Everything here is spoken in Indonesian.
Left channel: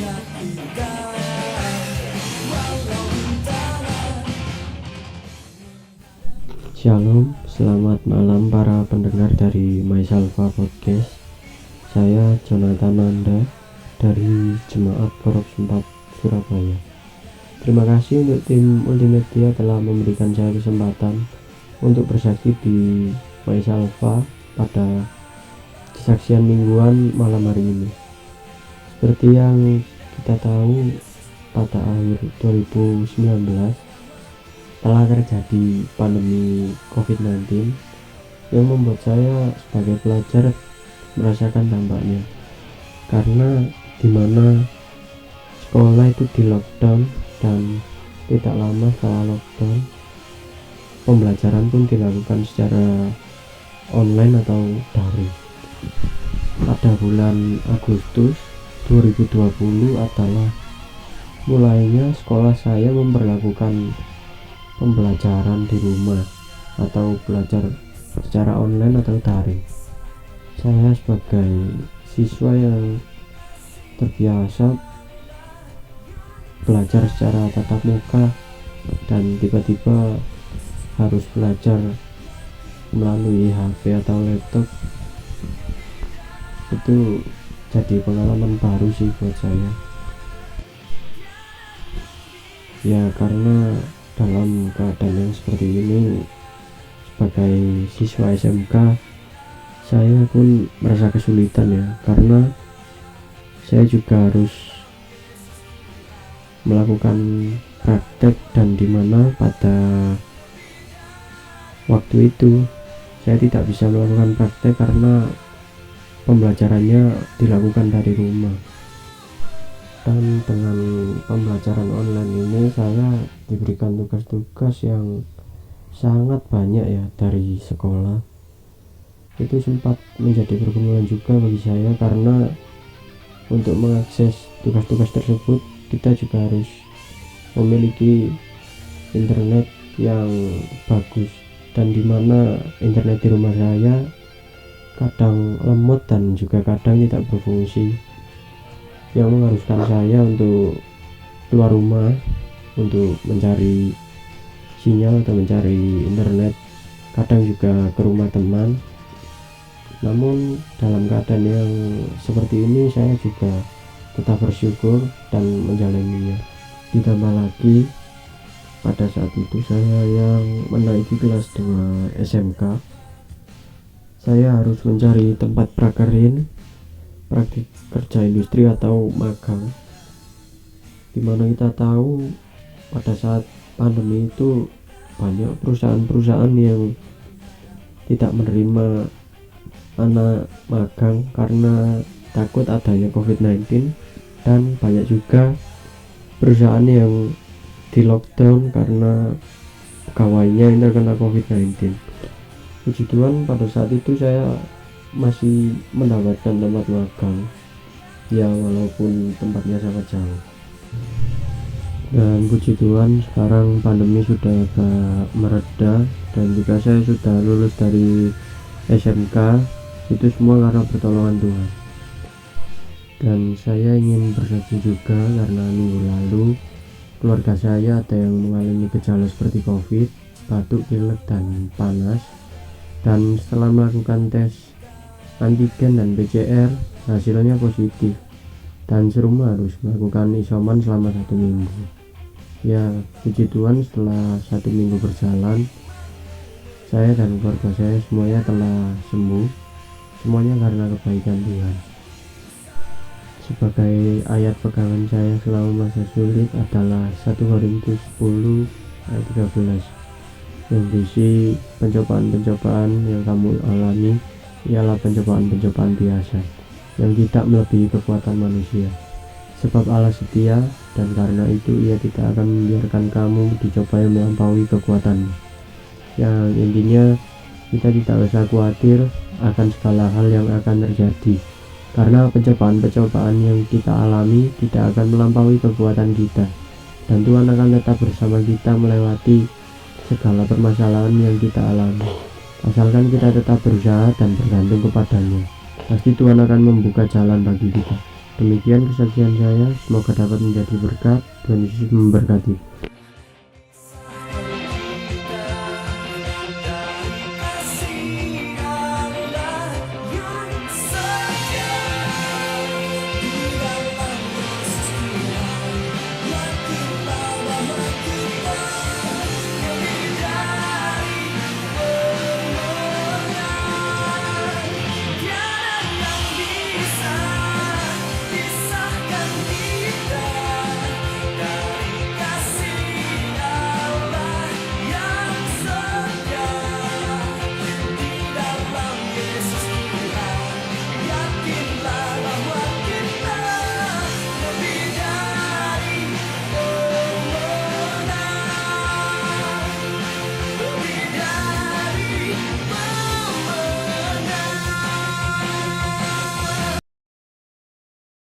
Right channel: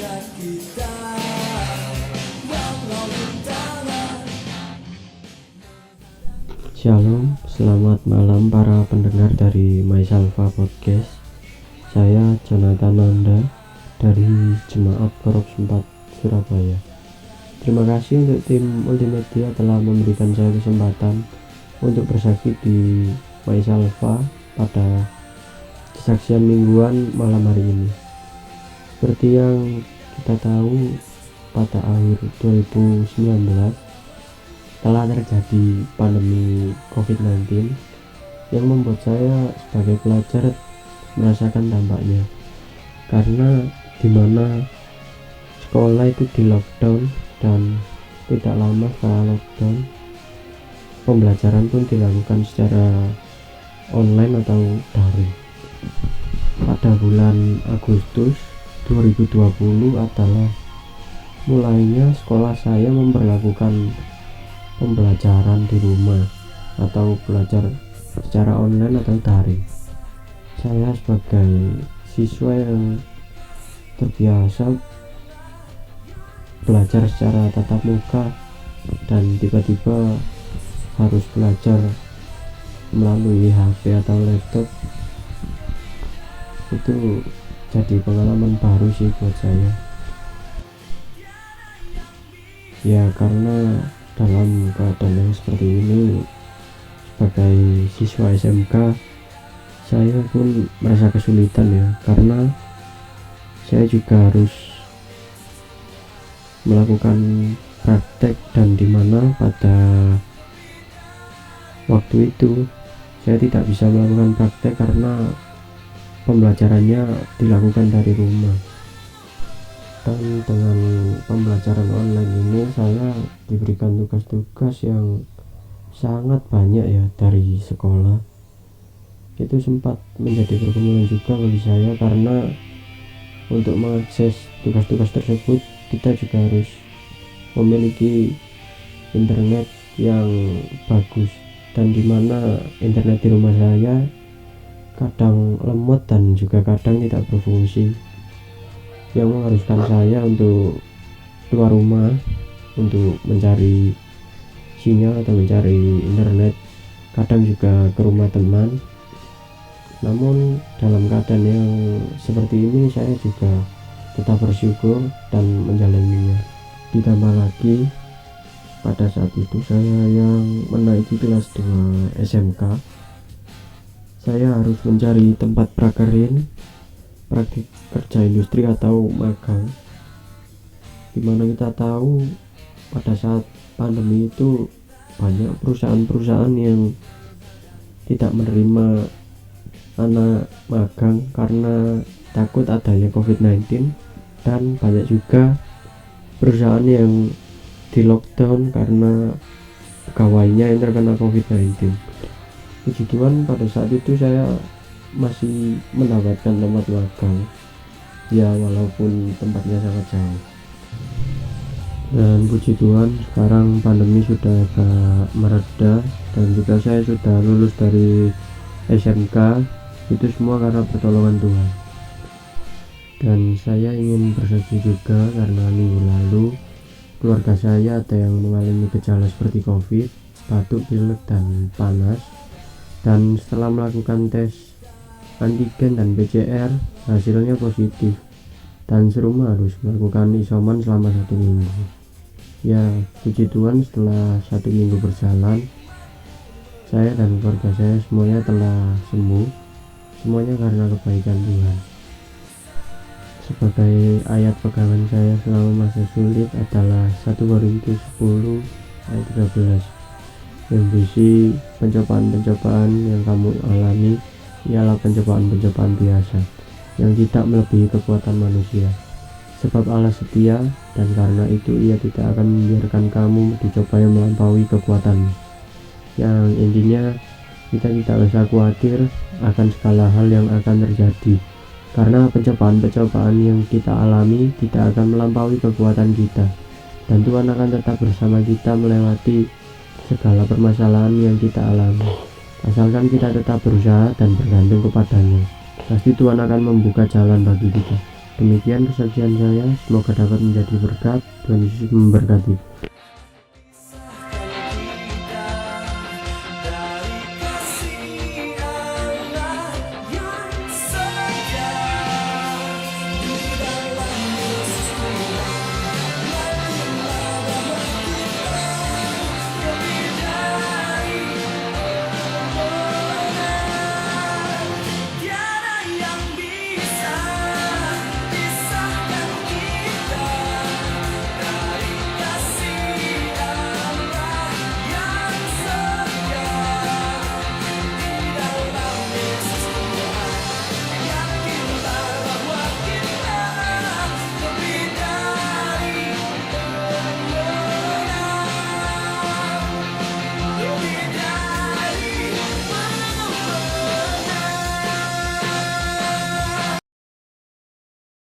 niat kita walau rintangan. Shalom, selamat malam para pendengar dari MySalva Podcast. Saya Jonathan Nanda dari Jemaat Korps 4 Surabaya. Terima kasih untuk tim Ultimedia telah memberikan saya kesempatan untuk bersaksi di MySalva pada kesaksian mingguan malam hari ini. Seperti yang kita tahu, pada akhir 2019 telah terjadi pandemi COVID-19 yang membuat saya sebagai pelajar merasakan dampaknya, karena dimana sekolah itu di lockdown dan tidak lama setelah lockdown pembelajaran pun dilakukan secara online atau daring. Pada bulan Agustus 2020 adalah mulainya sekolah saya memperlakukan pembelajaran di rumah atau belajar secara online atau daring. Saya sebagai siswa yang terbiasa belajar secara tatap muka dan tiba-tiba harus belajar melalui HP atau laptop, itu jadi pengalaman baru sih buat saya. Ya, karena dalam keadaan yang seperti ini, sebagai siswa SMK saya pun merasa kesulitan ya, karena saya juga harus melakukan praktek, dan dimana pada waktu itu saya tidak bisa melakukan praktek karena pembelajarannya dilakukan dari rumah. Dan dengan pembelajaran online ini saya diberikan tugas-tugas yang sangat banyak ya dari sekolah. Itu sempat menjadi pergumulan juga bagi saya, karena untuk mengakses tugas-tugas tersebut kita juga harus memiliki internet yang bagus, dan dimana internet di rumah saya kadang lemot dan juga kadang tidak berfungsi, yang mengharuskan saya untuk keluar rumah untuk mencari sinyal atau mencari internet, kadang juga ke rumah teman. Namun dalam keadaan yang seperti ini saya juga tetap bersyukur dan menjalaninya. Ditambah lagi pada saat itu saya yang menaiki kelas 2 SMK, saya harus mencari tempat prakerin, praktik kerja industri atau magang, dimana kita tahu pada saat pandemi itu banyak perusahaan-perusahaan yang tidak menerima anak magang karena takut adanya COVID-19, dan banyak juga perusahaan yang di lockdown karena pegawainya yang terkena COVID-19. Puji Tuhan pada saat itu saya masih mendapatkan tempat magang ya, walaupun tempatnya sangat jauh. Dan puji Tuhan sekarang pandemi sudah agak mereda, dan juga saya sudah lulus dari SMK. Itu semua karena pertolongan Tuhan. Dan saya ingin bersaksi juga karena minggu lalu keluarga saya ada yang mengalami gejala seperti COVID, batuk, pilek, dan panas. Dan setelah melakukan tes antigen dan PCR, hasilnya positif, dan serumah harus melakukan isoman selama 1 minggu. Ya, puji Tuhan setelah 1 minggu berjalan, saya dan keluarga saya semuanya telah sembuh, semuanya karena kebaikan Tuhan. Sebagai ayat pegangan saya selama masa sulit adalah 1 Korintus 10 ayat 13, yang berisi pencobaan-pencobaan yang kamu alami ialah pencobaan-pencobaan biasa yang tidak melebihi kekuatan manusia. Sebab Allah setia, dan karena itu Ia tidak akan membiarkan kamu dicobai melampaui kekuatanmu. Yang intinya kita tidak usah khawatir akan segala hal yang akan terjadi, karena pencobaan-pencobaan yang kita alami tidak akan melampaui kekuatan kita, dan Tuhan akan tetap bersama kita melewati segala permasalahan yang kita alami. Asalkan kita tetap berusaha dan bergantung kepadanya, pasti Tuhan akan membuka jalan bagi kita. Demikian kesaksian saya, semoga dapat menjadi berkat. Tuhan Yesus memberkati.